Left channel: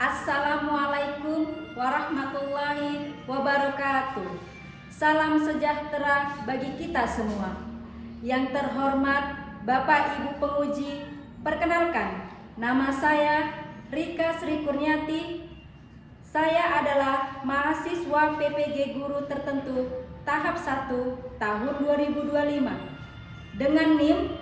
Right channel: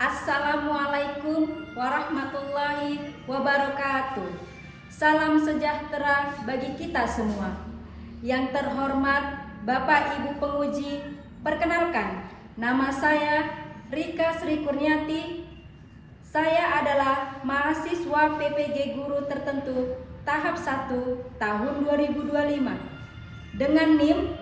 Assalamualaikum warahmatullahi wabarakatuh. Salam sejahtera bagi kita semua. Yang terhormat Bapak Ibu penguji, perkenalkan, nama saya Rika Sri Kurniati. Saya adalah mahasiswa PPG Guru Tertentu tahap 1 tahun 2025 dengan NIM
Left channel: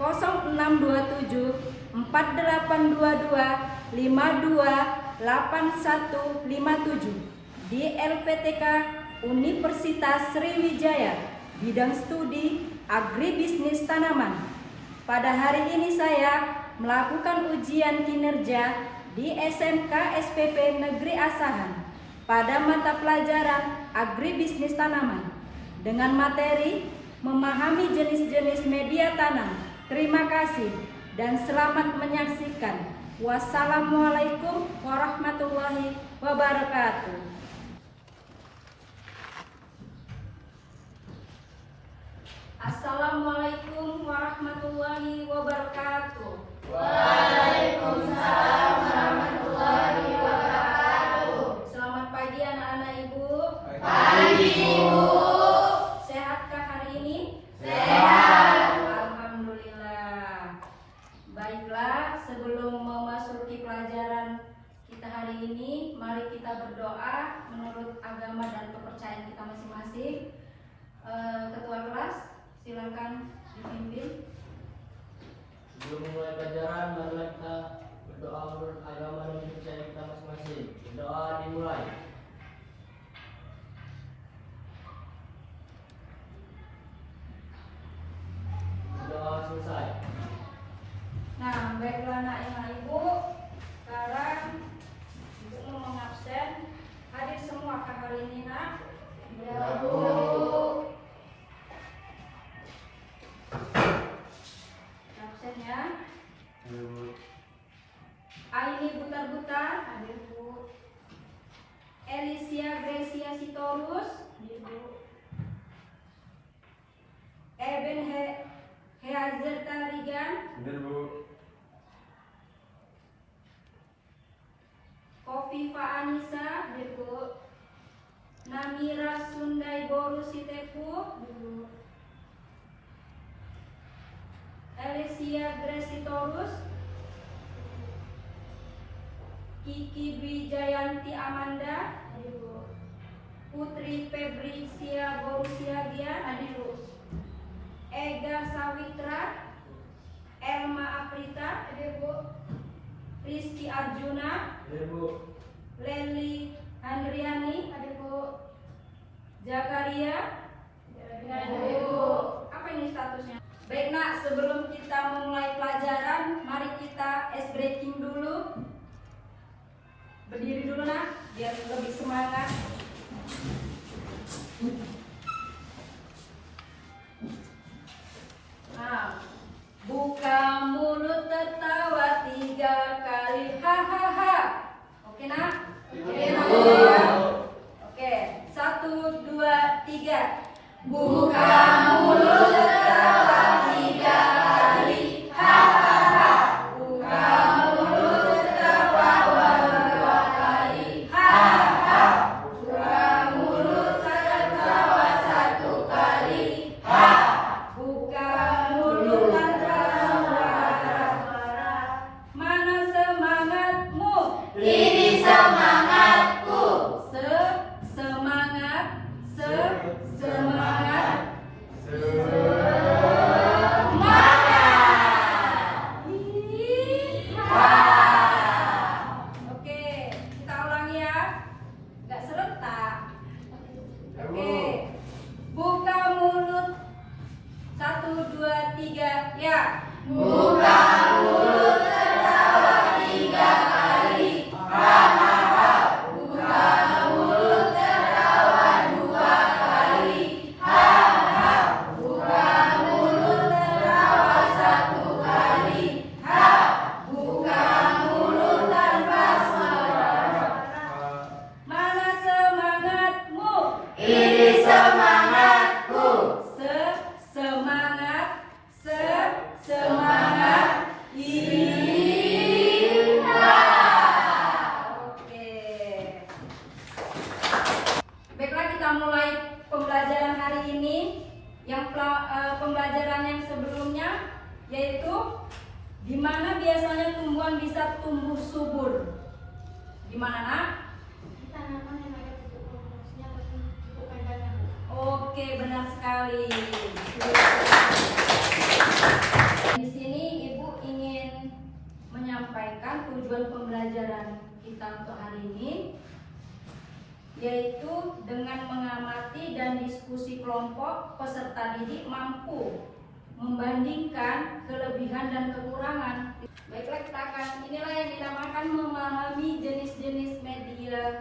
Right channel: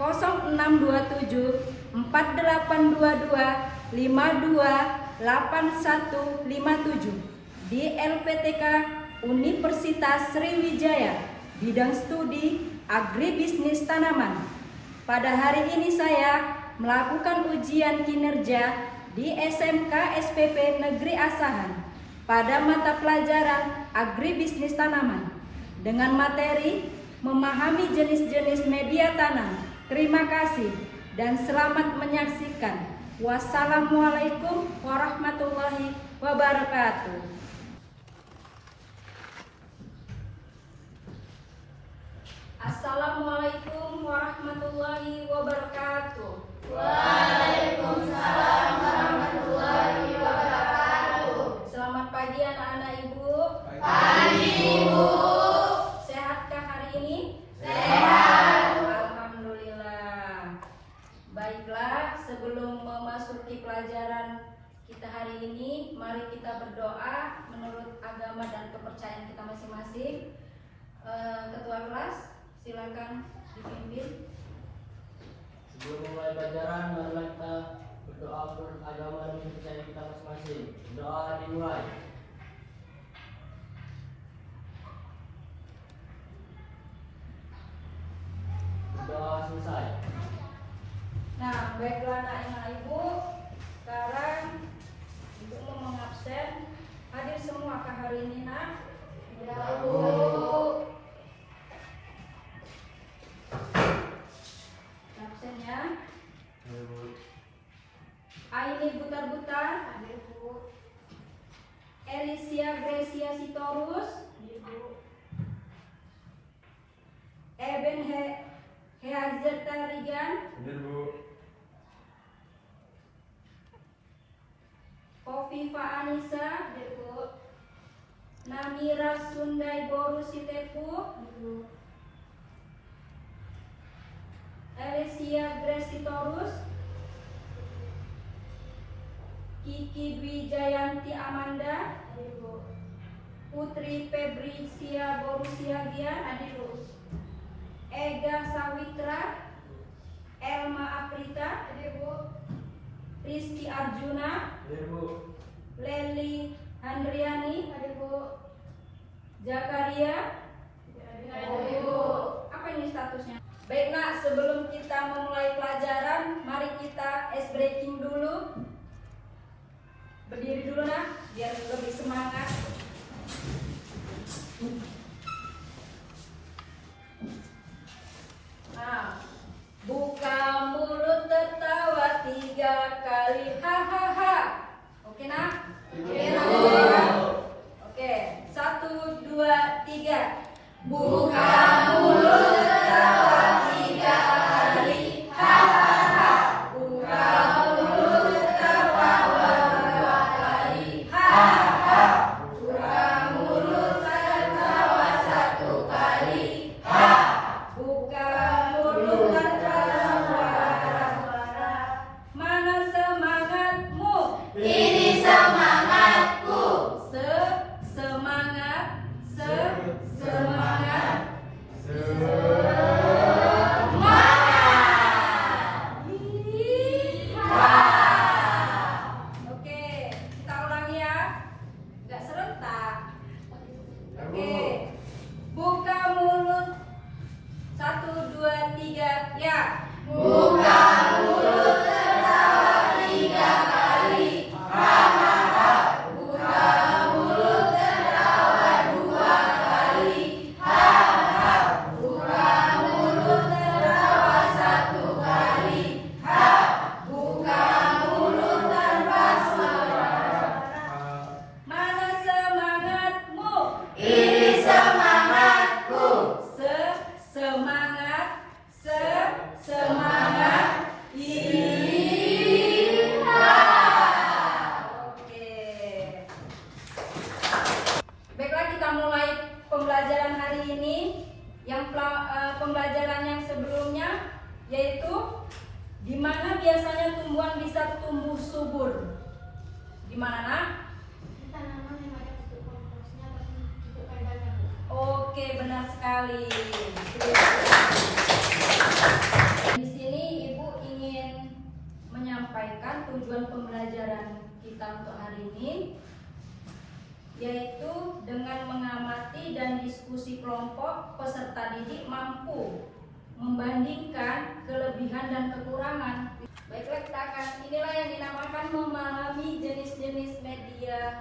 0627 4822 528157 di LPTK Universitas Sriwijaya, bidang studi agribisnis tanaman. Pada hari ini saya melakukan ujian kinerja di SMK SPP Negeri Asahan pada mata pelajaran agribisnis tanaman dengan materi memahami jenis-jenis media tanam. Terima kasih dan selamat menyaksikan. Wassalamualaikum warahmatullahi wabarakatuh. Assalamualaikum warahmatullahi wabarakatuh. Waalaikumsalam warahmatullahi wabarakatuh. Selamat pagi anak-anak Ibu. Pagi Ibu. Sehatkah hari ini? Sehat. Alhamdulillah. Baiklah, sebelum memasuki pelajaran kita hari ini, mari kita berdoa menurut agama dan kepercayaan kita masing-masing. Ketua kelas, silakan dipimpin. Sebelum mulai pelajaran, marilah kita berdoa menurut agama dan kepercayaan kita masing-masing. Doa dimulai. Berdoa selesai. Nah, baiklah anak-anak Ibu, sekarang untuk mengabsen, hadir semua kah hari ini, nak? Ya, Bu. Absennya Aini Butar-Butar, hadir Bu. Elisia Gracia Sitorus, hadir Bu. Eben Heazerta Rigan, Hadir Bu. Kofifa Anissa, hadir Bu. Namira Sundai Boru Sitepu, hadir Bu. Elisia Gresitorus, Kiki Dwi Jayanti Amanda, hadir Bu. Putri Febrisia Borusiagia, hadir Bu. Ega Sawitra, Elma Aprita, hadir Bu. Rizky Arjuna, Hadir Bu. Leli Handriani, hadir Bu. Zakaria, hadir Bu. Apa ini statusnya? Baik nak, sebelum kita memulai pelajaran, mari kita ice breaking dulu. Berdiri dulu nak, biar lebih semangat. Nah, buka mulut tertawa 3 kali, hahaha. Oke nak? Oke nak? Oke, 1, 2, 3. Buka mulut tertawa 3 kali, hahaha. Buka mulut tertawa 2 kali, hahaha. Buka mulut tertawa 1 kali, ha. Buka mulut tertawa Di mana nak? Di tanaman yang ada pupuk komposnya atau pupuk kandangnya, Bu. Oke, benar sekali. Di sini Ibu ingin menyampaikan tujuan pembelajaran kita untuk hari ini, yaitu dengan mengamati dan diskusi kelompok peserta didik mampu membandingkan kelebihan dan kekurangan. Baiklah, kita akan inilah yang dinamakan memahami jenis-jenis media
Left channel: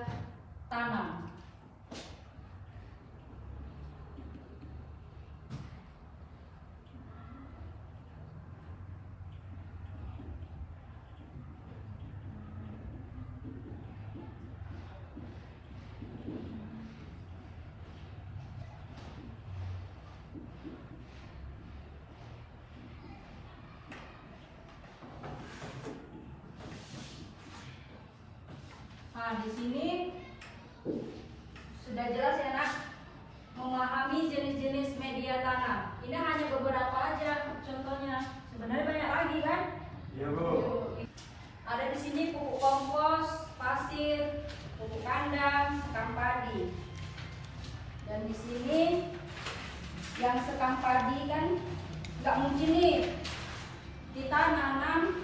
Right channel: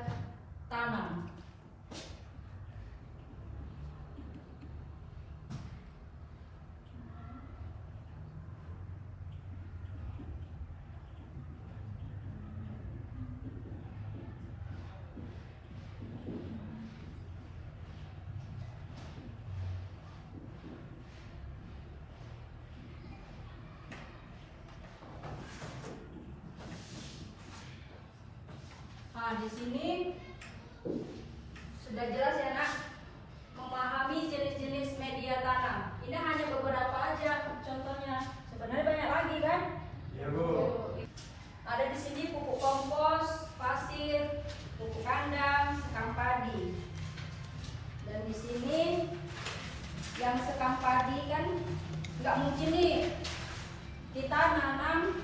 tanam. Nah, di sini sudah jelas ya nak, memahami jenis-jenis media tanam. Ini hanya beberapa aja contohnya. Sebenarnya banyak lagi kan? Iya, Bu. Ada di sini pupuk kompos, pasir, pupuk kandang, sekam padi. Dan di sini yang sekam padi kan nggak mungkin nih kita nanam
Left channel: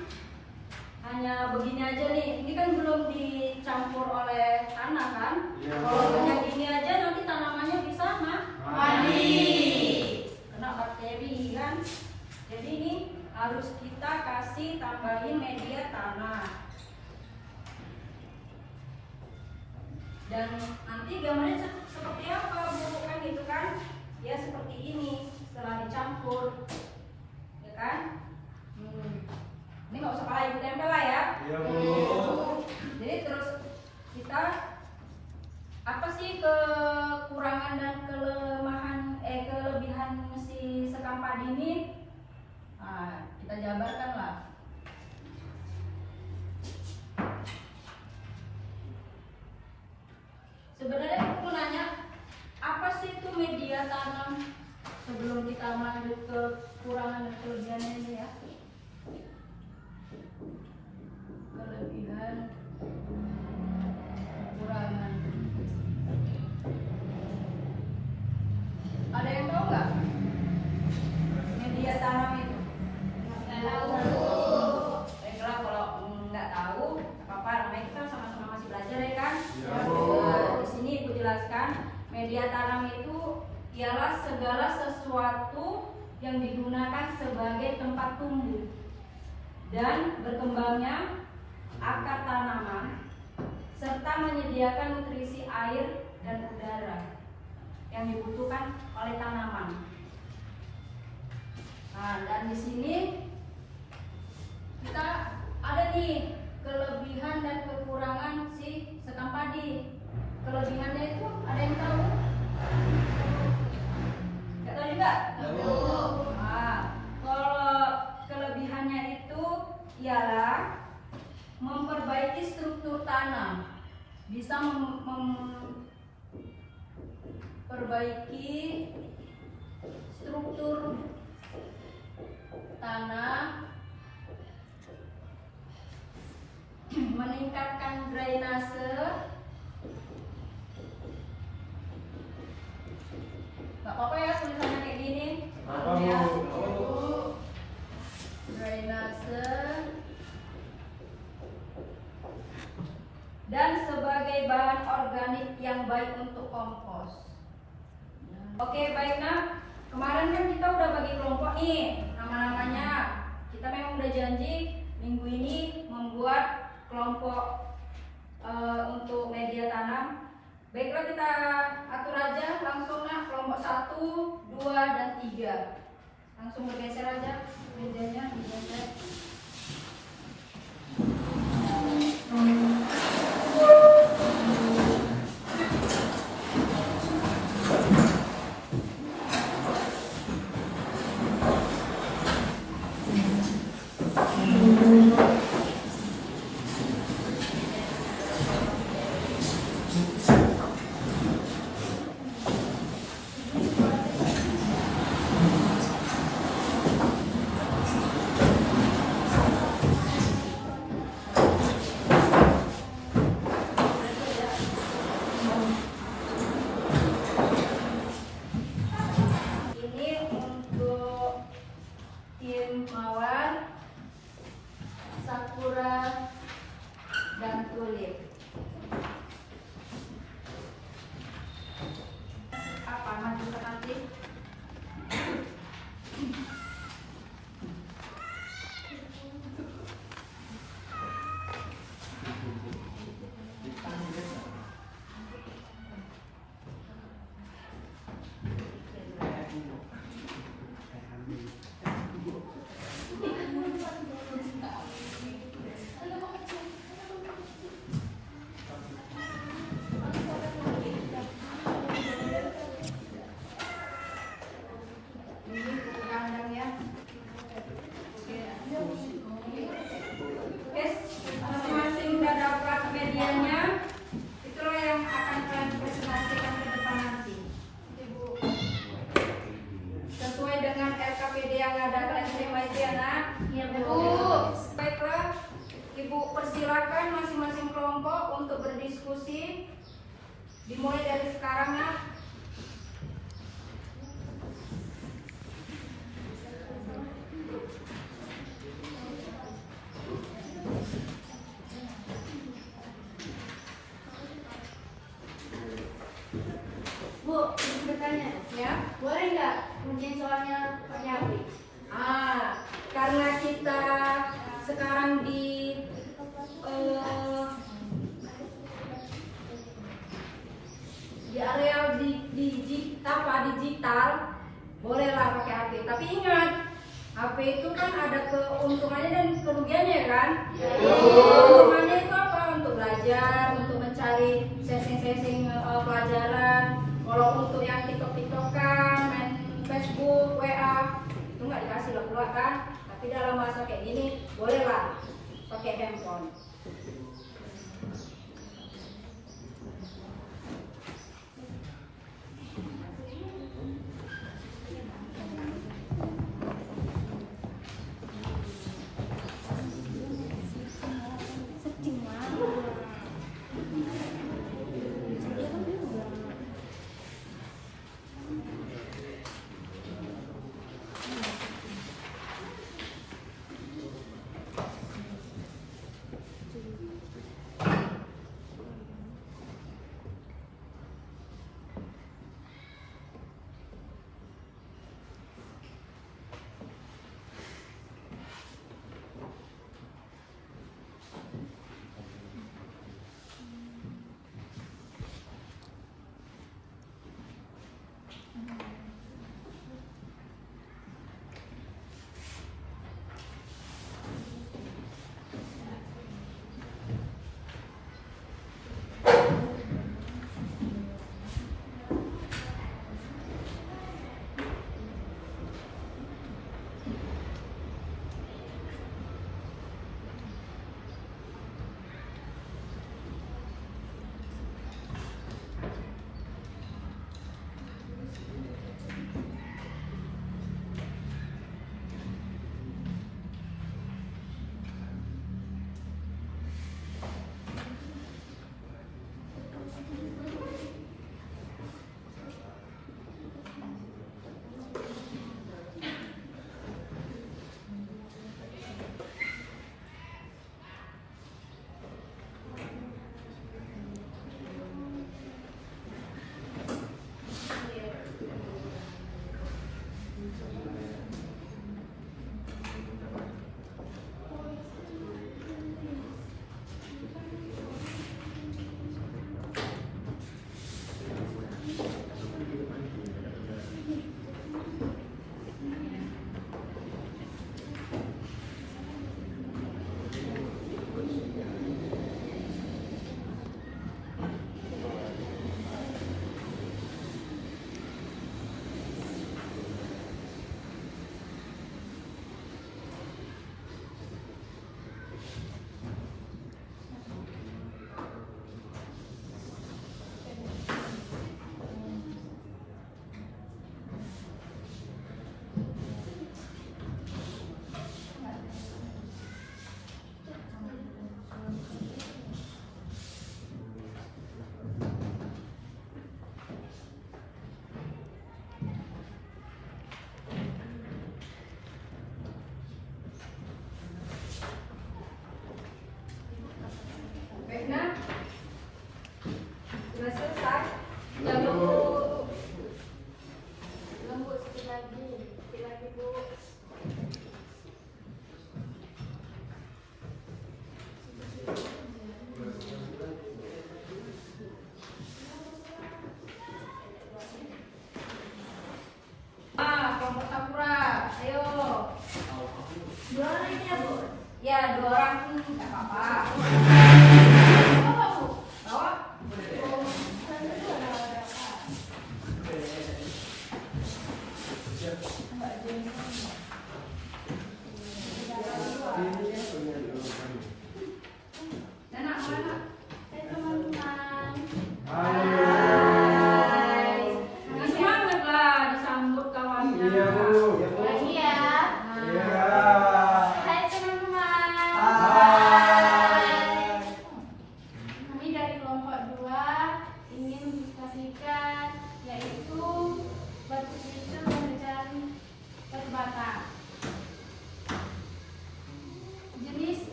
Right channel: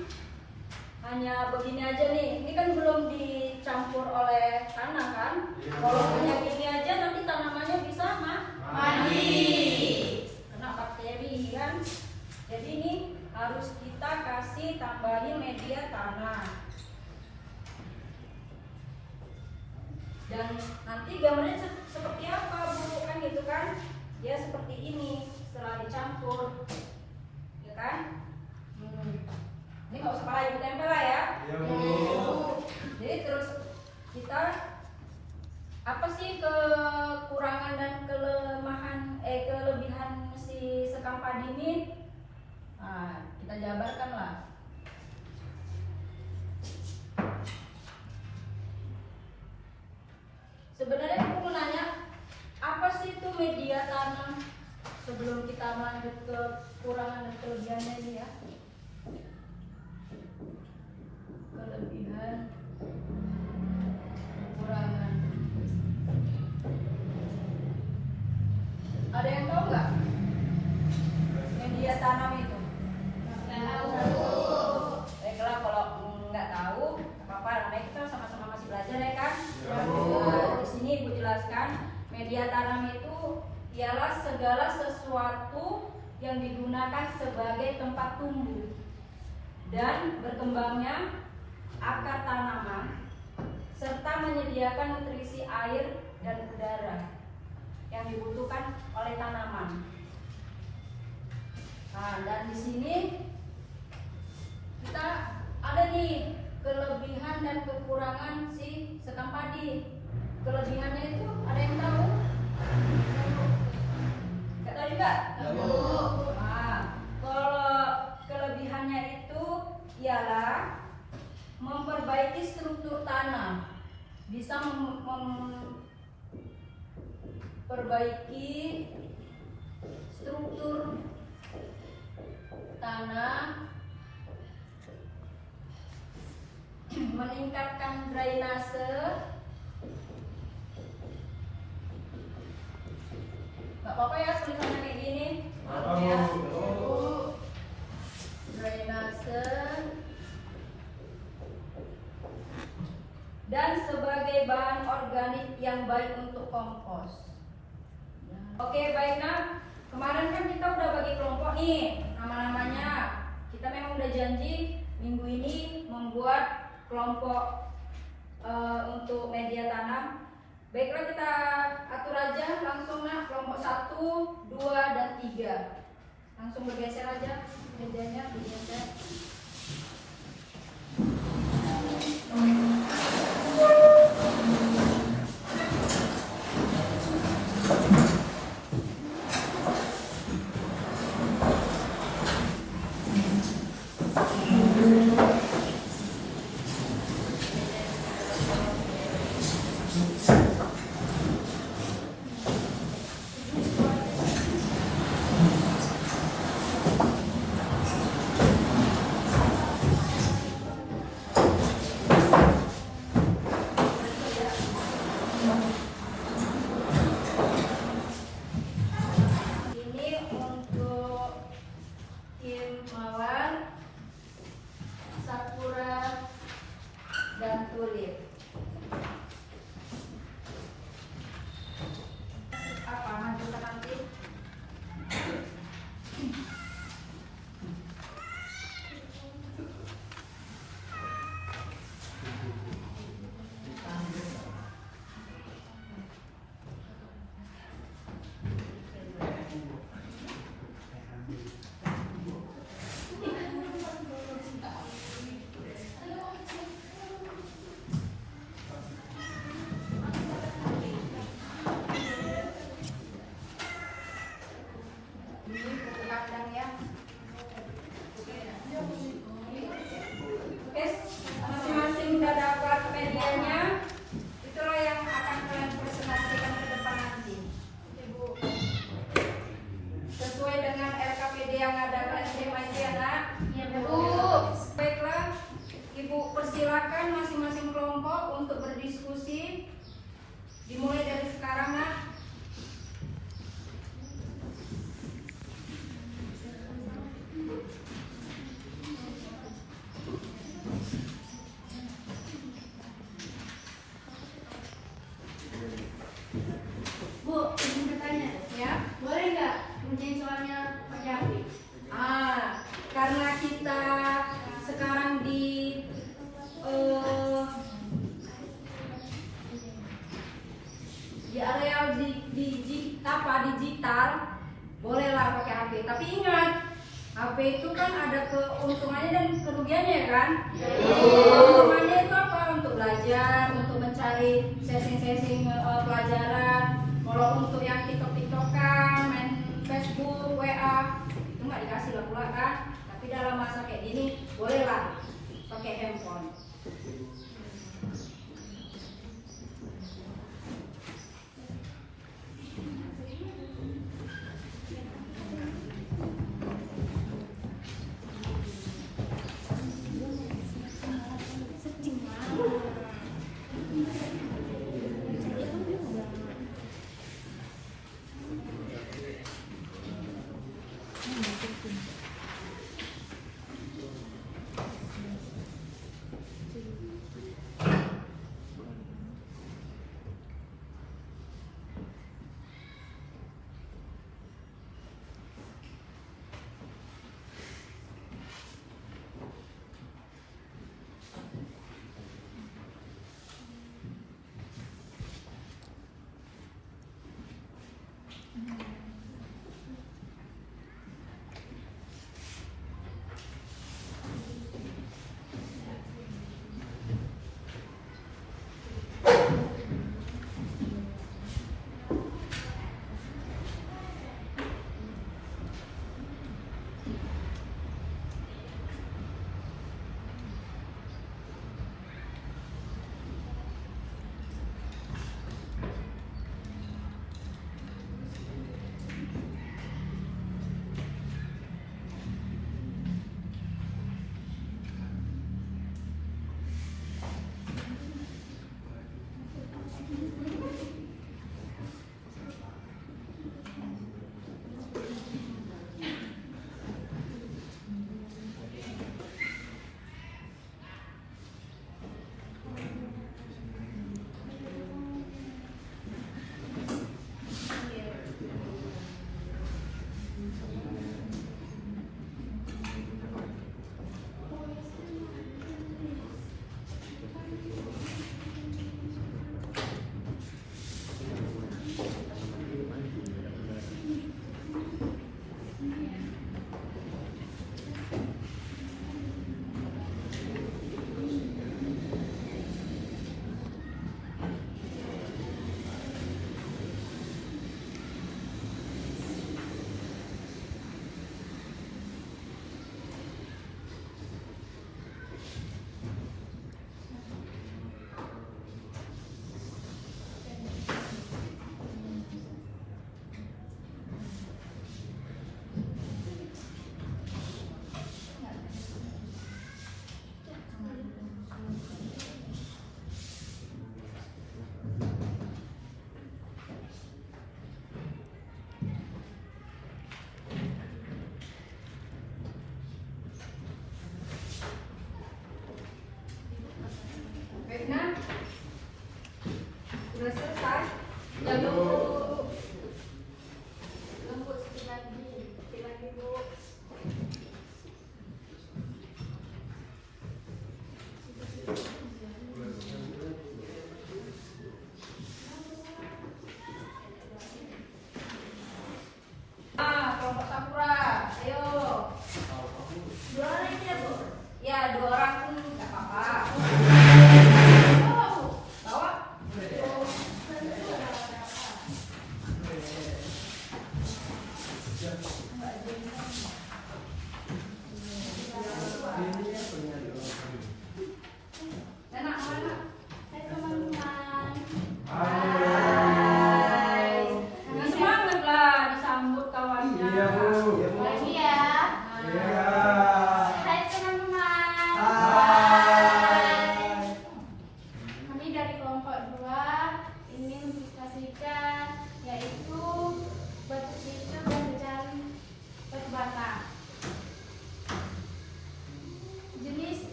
hanya begini aja nih. Ini kan belum dicampur oleh tanah kan? Iya. Kalau hanya gini aja nanti tanamannya bisa mati, kena bakteri kan? Jadi ini harus kita kasih tambahin media tanah. Dan nanti gambarnya seperti apa Bu? Kan gitu kan? Ya seperti ini setelah dicampur, ya kan? Ini nggak usah pakai ibu tempel lah ya. Iya, Bu. Jadi terus kita apa sih kekurangan dan kelebihan si sekam padi ini? Nah, kita jabarkan lah. Sebenarnya aku mau nanya, apa sih itu media tanam? Sebelum kita lanjut ke kekurangan dan kelebihannya ini ya. Kelebihan, kekurangan. Ada yang tahu nggak media tanam itu? Baiklah, kalau nggak tahu apa-apa, namanya kita sama-sama masih belajar ya kan? Di sini Ibu jelaskan, media tanam itu ialah segala sesuatu yang digunakan sebagai tempat tumbuh dan berkembangnya akar tanaman serta menyediakan nutrisi air dan udara yang dibutuhkan oleh tanaman. Nah, dan di sini kita ada nih kelebihan dan kekurangan si sekam padi. Kelebihannya itu ada yang tahu? Nggak tahu juga? Nah, kalau kelebihannya itu ialah memperbaiki struktur tanah, bisa memperbaiki struktur tanah, meningkatkan drainase, nggak apa-apa ya tulisannya kayak gini, ya. Drainase dan sebagai bahan organik yang baik untuk kompos. Oke, baik nak. Kemarin kan kita udah bagi kelompok nih nama-namanya. Kita memang udah janji minggu ini membuat kelompok untuk media tanam. Baiklah, kita atur aja langsung nak, kelompok 1, 2, dan 3. Langsung bergeser aja medianya, bergeser. sulit. Apa maju ke nanti? Ini buku kandang ya. Oke, masing-masing sudah dapat medianya. Itulah yang akan kalian presentasikan ke depan nanti. Sesuai dengan LKPD yang ada, kalian terima itu ya nak? Iya, Bu. Baiklah, Ibu persilakan masing-masing kelompok untuk berdiskusi. Dimulai dari sekarang nak. Bu, izin bertanya. Ya. Boleh nggak ngerjain soalnya pakai HP? Karena kita sekarang di area digital, bolehlah pakai HP. Tapi ingat, HP itu kan ada keuntungannya dan kerugiannya kan? Keuntungannya itu apa? Untuk belajar, untuk mencari sesing-sesing pelajaran. Kalau untuk yang TikTok-TikTokan, main Facebook, WA, itu nggak dikasih lah pula kan? Tapi dalam masa kayak gini, bolehlah pakai handphone.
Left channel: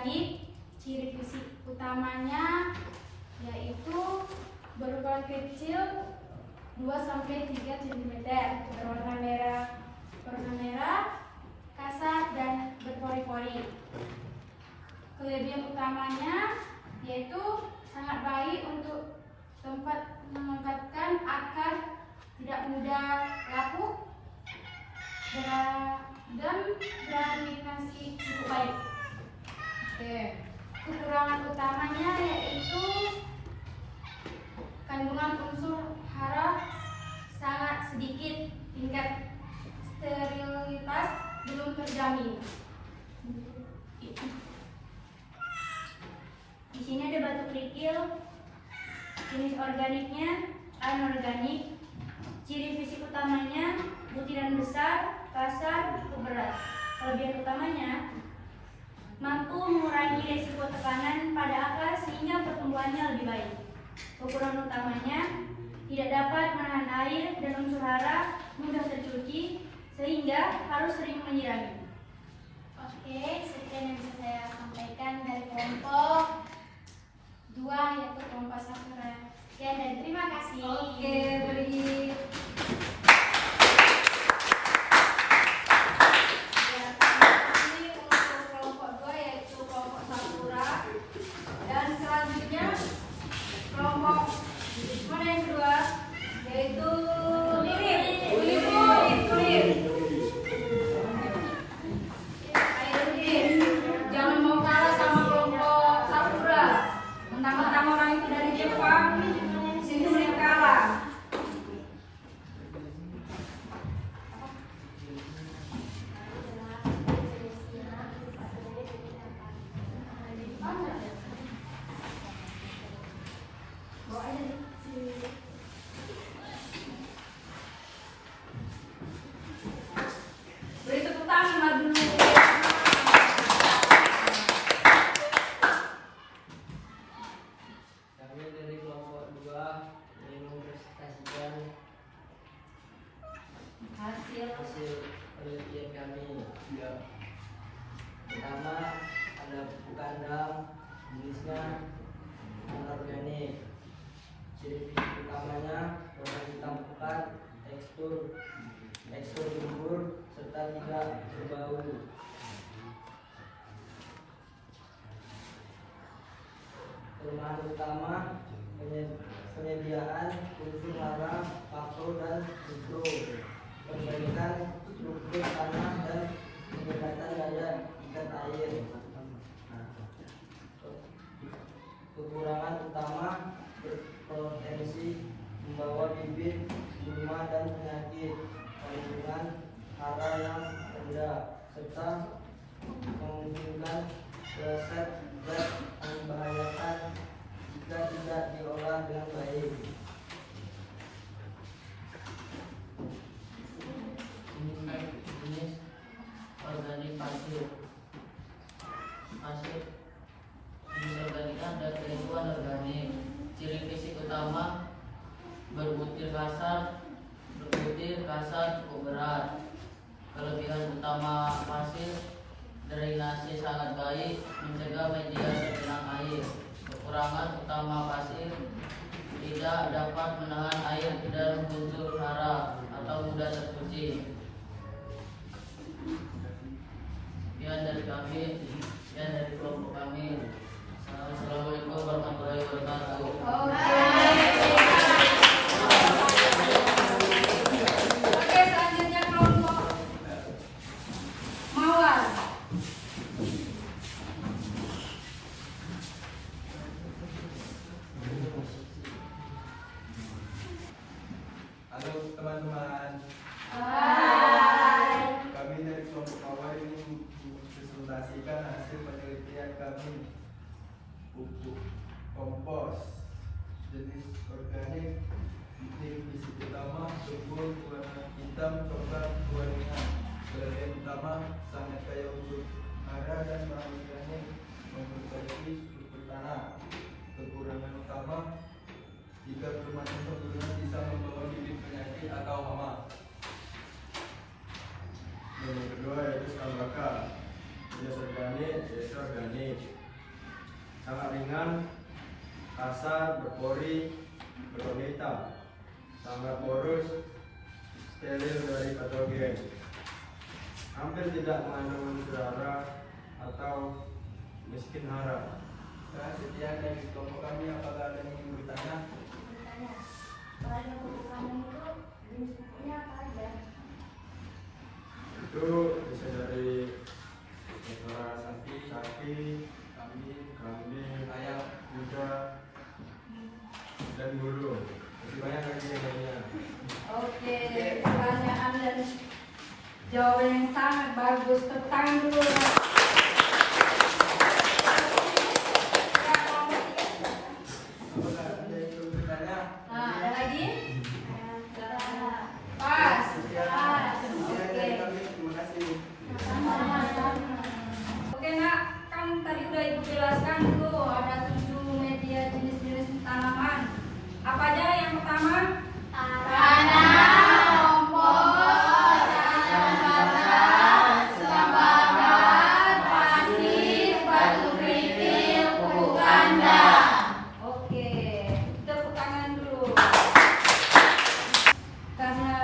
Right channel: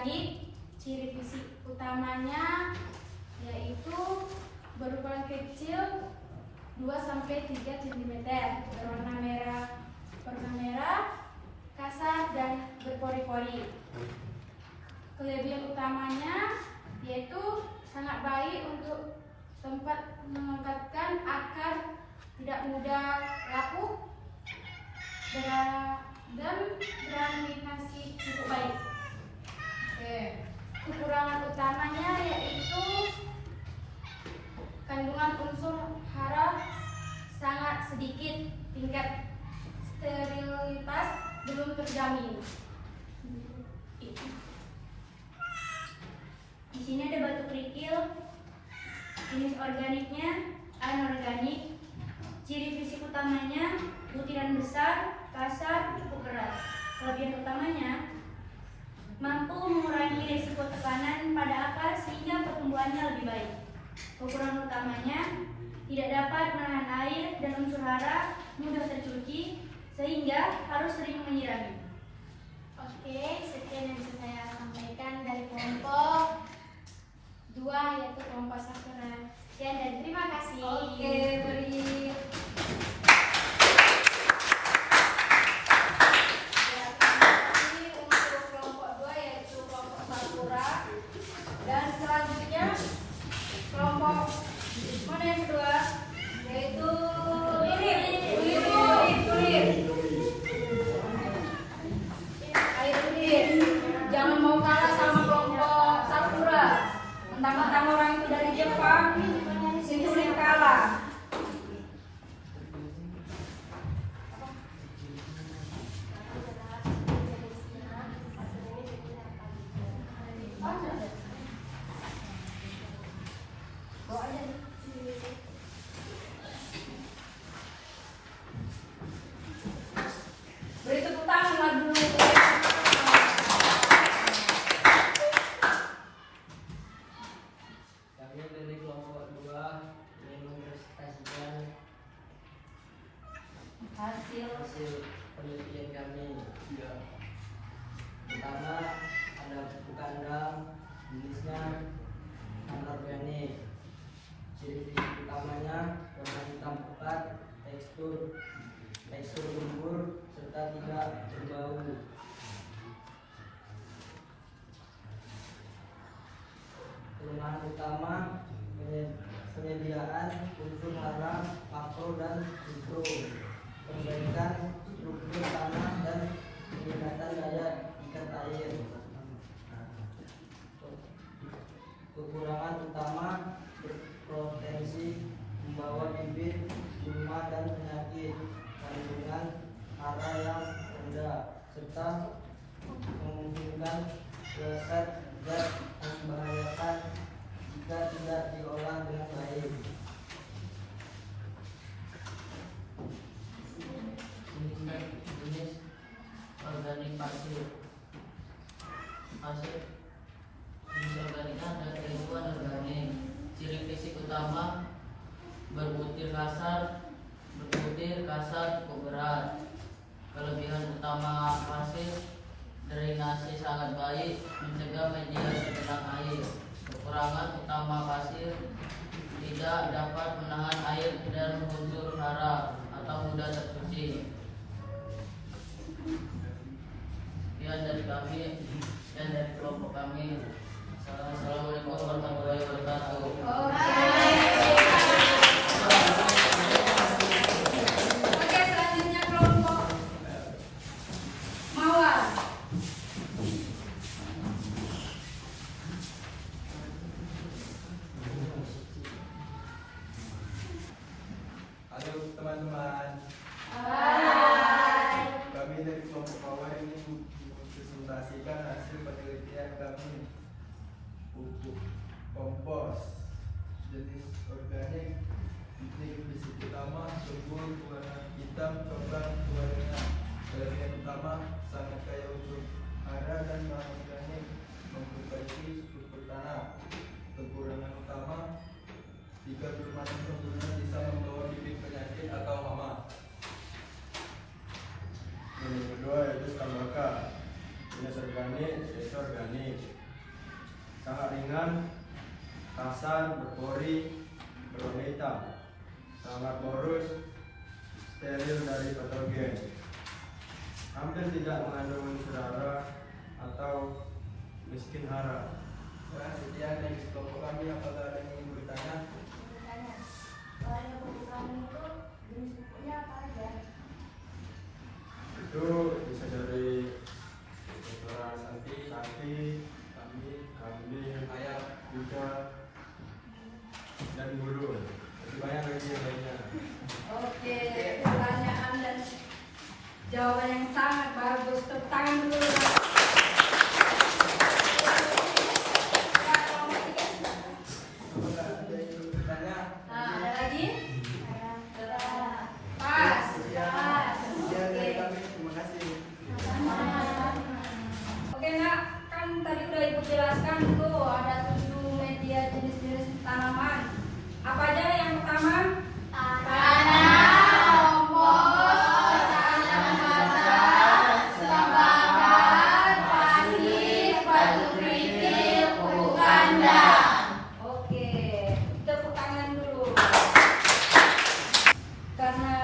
organik. Ciri fisik utamanya yaitu berukuran kecil 2-3 cm, berwarna merah, kasar dan berpori-pori. Kelebihan utamanya yaitu sangat baik untuk tempat menempatkan akar, tidak mudah lapuk, dan drainasi cukup baik. Kekurangan utamanya yaitu kandungan unsur hara sangat sedikit, tingkat sterilitas belum terjamin. Di sini ada batu kerikil, jenis organiknya anorganik. Ciri fisik utamanya butiran besar, kasar, cukup berat. Kelebihan utamanya mampu mengurangi risiko tekanan pada akar sehingga pertumbuhannya lebih baik. Kekurangan utamanya tidak dapat menahan air dan unsur hara, mudah tercuci sehingga harus sering menyirami. Oke, sekian yang bisa saya sampaikan dari kelompok 2 yaitu kelompok Sakura. Ya, dan terima kasih. Oke, beri. Dan selanjutnya kelompok mana yang kedua, yaitu tulir. Ayo tulir, jangan mau kalah sama kelompok Sakura. Mentang-mentang orang itu dari Jepang, si tulir kalah. Beri tepuk tangan dulu. Kami dari kelompok 2 ingin mempresentasikan hasil penelitian kami. Pertama, ada pupuk kandang, jenisnya anorganik. Ciri fisik utamanya warna hitam pekat, tekstur gembur serta tidak berbau. Kelemahan utama penyediaan unsur hara, faktor dan mikro, perbaikan struktur tanah dan peningkatan daya ikat air. Kekurangan utama berpotensi membawa bibit, gulma dan penyakit, kandungan hara yang rendah, serta memungkinkan zat membahayakan jika tidak diolah dengan baik. Jenis organik pasir. Jenis organik ada ribuan organik. Ciri fisik utama berbutir kasar, cukup berat. Kelebihan utama pasir, drainasi sangat baik, mencegah media tergenang air. Kekurangan utama pasir, tidak dapat menahan air dan unsur hara atau mudah tercuci. Sekian dari kami dan dari kelompok kami. Assalamualaikum warahmatullahi wabarakatuh. Oke, selanjutnya kelompok Mawar. Halo teman-teman, Hai. kami dari kelompok Mawar ini mempresentasikan hasil penelitian kami. Pupuk kompos jenis organik, ciri fisik utama gembur warna hitam coklat warna. Kelebihan utama sangat kaya unsur hara dan bahan organik, memperbaiki struktur tanah. Kekurangan utama jika belum ada sempurna bisa membawa bibit penyakit atau hama. Yang kedua yaitu skambaka, jenis organik jenis organik. Sangat ringan, kasar, berpori, berwarna hitam. Sangat porus, steril dari patogen. Hampir tidak mengandung unsur hara atau miskin hara. Nah, sekian dari kelompok kami. Apakah ada yang ingin bertanya? Bertanya, kalau buku kamu itu jenis bukunya apa aja? Itu bisa dari suara sapi, kambing, ayam, kuda, dan burung. Masih banyak lagi yang lainnya. Oke, pertanyaan dan jawaban yang sangat bagus. Tepuk tangan dulu. Apakah ada yang ingin bertanya? Ada lagi? Pas. Sekian dari kami. Terima kasih. Oke nak, kan tadi udah ibu jelaskan tuh ada 7 media jenis-jenis tanaman. Apa aja yang pertama? Oke, tepuk tangan dulu. Karena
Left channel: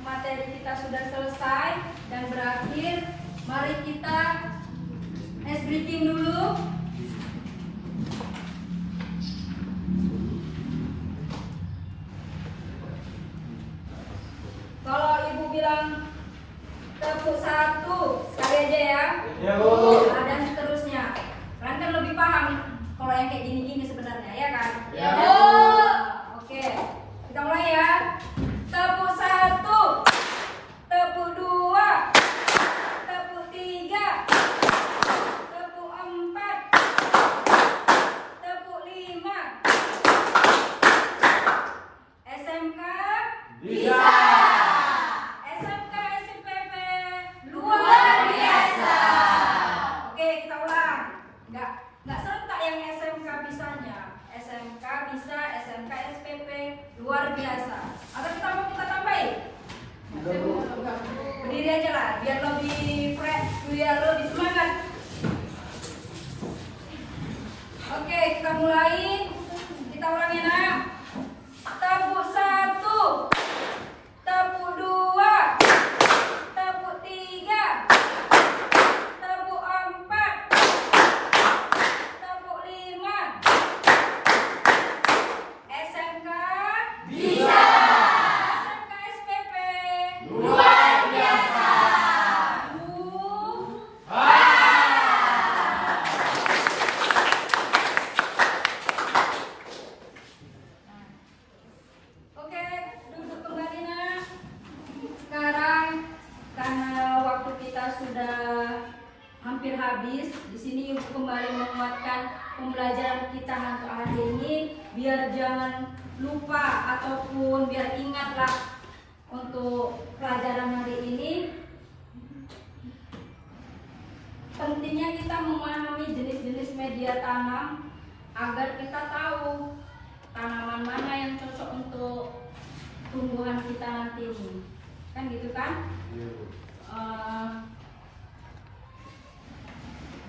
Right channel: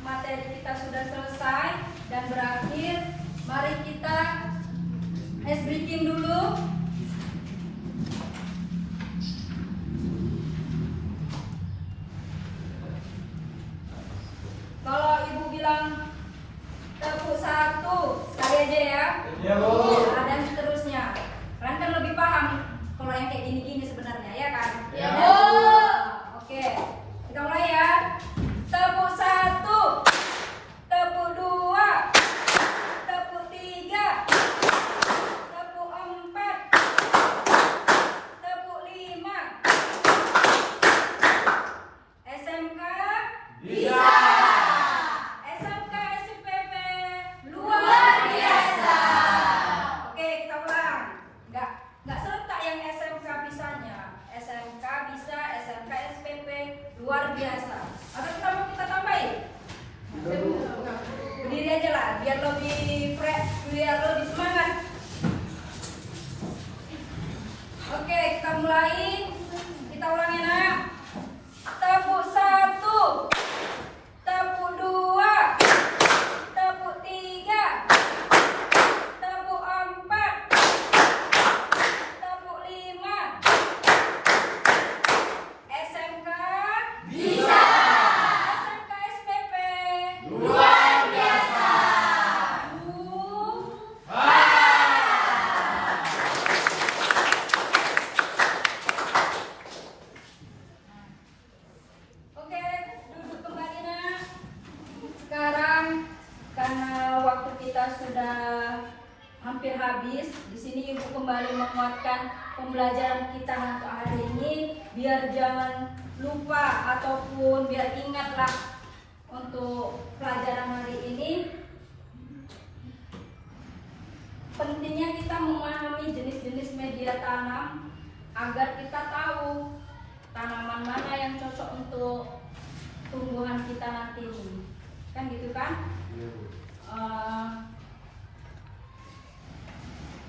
materi kita sudah selesai dan berakhir, mari kita ice breaking dulu. Kalau ibu bilang tepuk 1, sekali aja ya. Ya, Bu. Dan seterusnya. Kalian kan lebih paham kalau yang kayak gini-gini sebenarnya, ya kan? Ya, Bu. Oke, kita mulai ya. Tepuk 1, tepuk 2, tepuk 3, tepuk 4, tepuk 5. SMK Bisa. SMK SIPP Luar biasa. Oke, kita ulang. Nggak serentak yang SMK bisanya. SMK bisa, SMK SPP luar biasa. Atau kita tambahin? Berdiri aja lah, biar lebih fresh, biar lebih semangat. Oke, kita mulai. Kita ulangi nak. Tepuk 1, tepuk 2, tepuk 3, tepuk 4, tepuk 5. SMK Bisa. SMK SPP Luar biasa. Oke, duduk kembali nak. Sekarang karena waktu kita sudah hampir habis, di sini ibu kembali menguatkan pembelajaran kita untuk hari ini, biar jangan lupa ataupun biar ingatlah untuk pelajaran hari ini. Pentingnya kita memahami jenis-jenis media tanam agar kita tahu tanaman mana yang cocok untuk tumbuhan kita nanti ini. Kan gitu kan? Iya, Bu.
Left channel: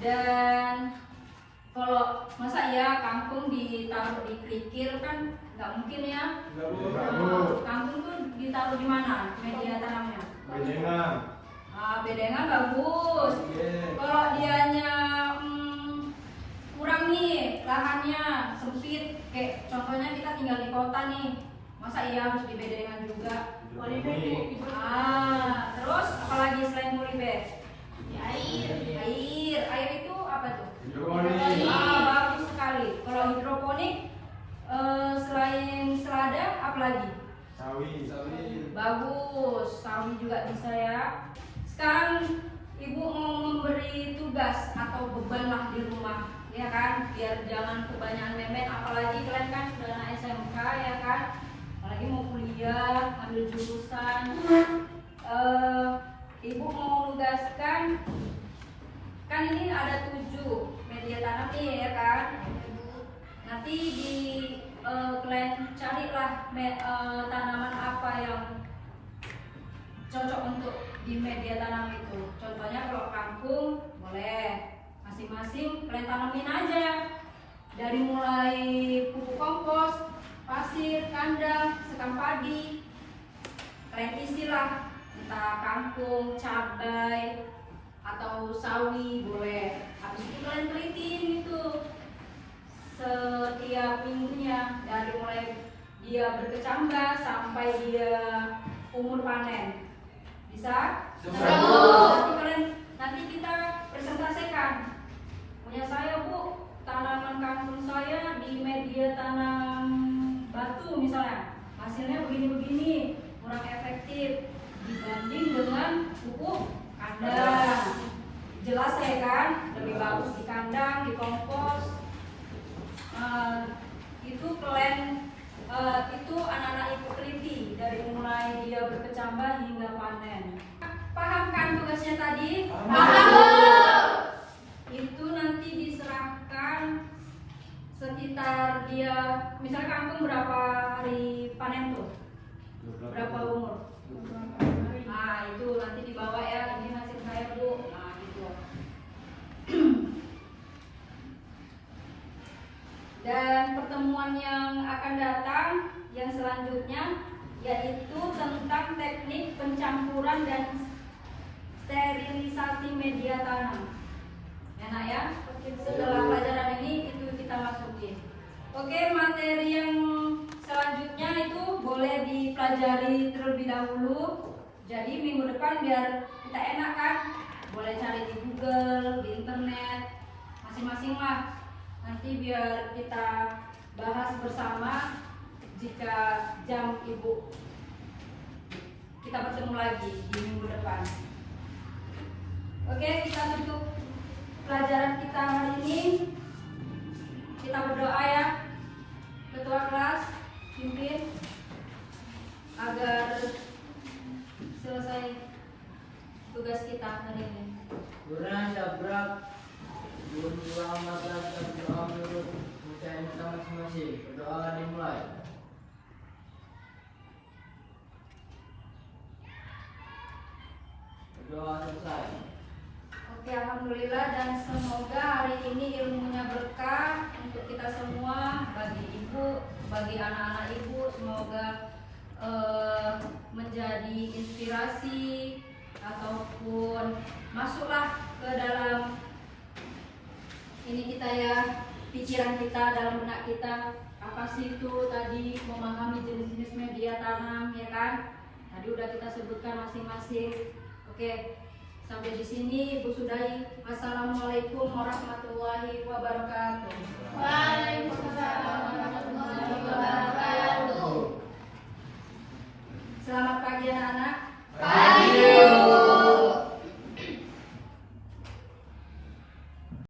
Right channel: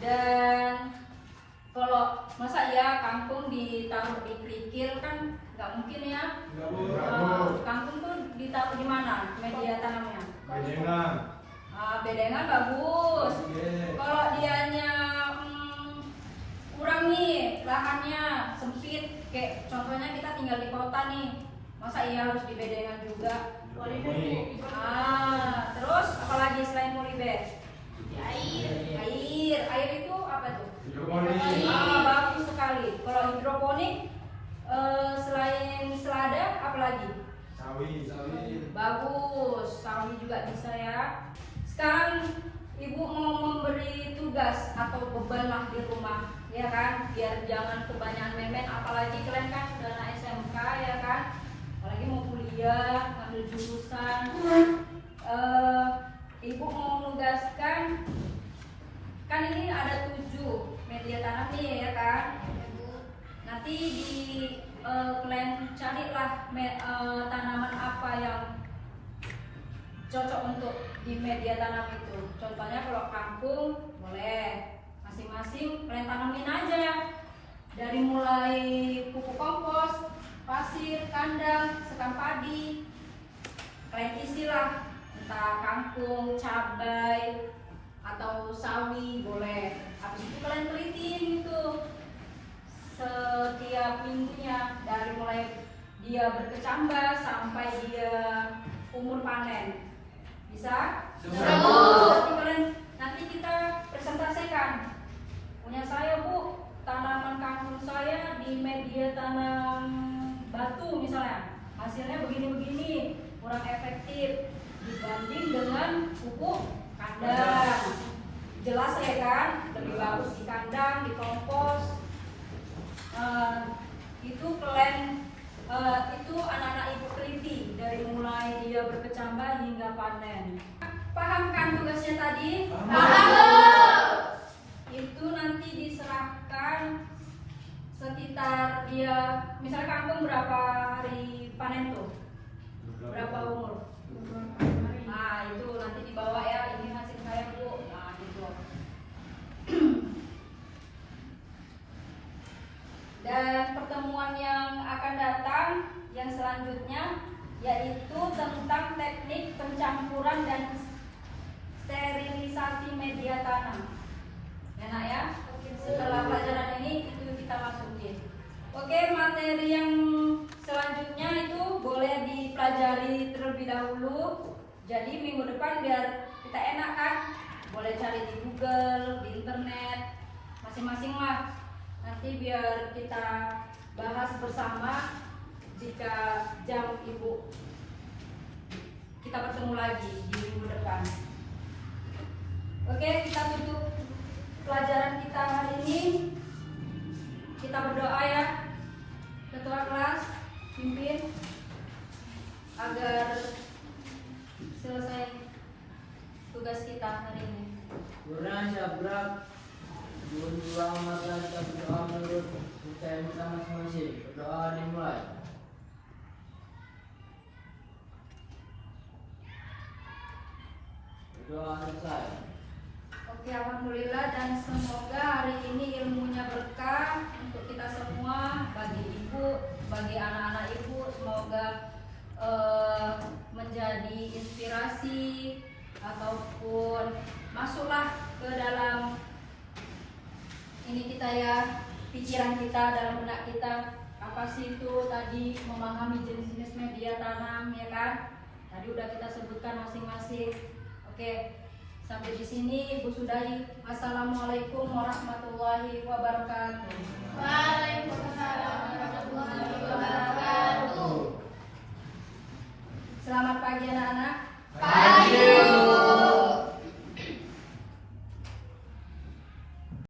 Dan kalau masa ya kangkung ditaruh di kerikil kan nggak mungkin ya. Enggak, Bu. Kangkung tuh ditaruh di mana media tanamnya? Bedengan. Bedengan bagus. Kalau dianya kurang nih lahannya sempit, kayak contohnya kita tinggal di kota nih, masa iya harus di bedengan juga? Terus apalagi selain mulibet? Air itu apa tuh? Hidroponik. Bagus sekali. Kalau hidroponik selain selada apa lagi? Sawi. Bagus, sawi juga bisa ya. Sekarang ibu mau memberi tugas atau beban lah di rumah, ya kan? Biar jangan kebanyakan main-main, apalagi kalian kan sudah anak SMK ya kan? Apalagi mau kuliah, ambil jurusan. Ibu mau menugaskan, kan ini ada 7 media tanam nih ya kan? Nanti di kalian carilah tanaman apa yang cocok untuk di media tanam itu. Contohnya kalau kangkung boleh Masing-masing kalian tanamin aja. Dari mulai pupuk kompos, pasir, kandang, sekam padi. Kalian isilah, entah kangkung, cabai, atau sawi boleh. Habis itu kalian telitin gitu setiap minggunya, dari mulai dia berkecambah sampai dia umur panen. Bisa? Nanti kita presentasikan. Punya saya Bu, tanaman kangkung saya di media tanam batu misalnya, hasilnya begini-begini, kurang efektif dibanding dengan pupuk kandang. Jelas ya kan? Lebih bagus di kandang, di kompos. Itu kalian itu anak-anak ibu teliti dari mulai dia berkecambah hingga panen. Paham kan tugasnya tadi? Paham. Itu nanti diserahkan sekitar dia, misalnya kangkung berapa hari panen tuh? Berapa umur? Nah itu nanti dibawa ya, ini hasil saya Bu. Nah gitu. Dan pertemuan yang akan datang yang selanjutnya yaitu tentang teknik pencampuran dan sterilisasi media tanam. Enak ya? Setelah pelajaran ini itu kita masukin. Oke, materi yang selanjutnya itu boleh dipelajari terlebih dahulu. Jadi minggu depan biar kita enak kan, boleh cari di Google, di internet, masing-masing lah. Nanti biar kita bahas bersama jika jam ibu kita bertemu lagi di minggu depan. Oke, kita tutup pelajaran kita hari ini. Kita berdoa ya, ketua kelas pimpin agar selesai tugas kita hari ini. Kurang sabrak, belum pulang masa kita berdoa menurut kita masing-masing. Berdoa dimulai. Berdoa selesai. Oke, alhamdulillah, dan semoga hari ini ilmunya berkah untuk kita semua, bagi ibu, bagi anak-anak ibu. Semoga menjadi inspirasi ataupun masuklah ke dalam ini kita ya, pikiran kita, dalam benak kita. Apa sih itu tadi, memahami jenis-jenis media tanam ya kan? Tadi udah kita sebutkan masing-masing. Oke, sampai di sini Ibu sudahi. Assalamualaikum warahmatullahi wabarakatuh.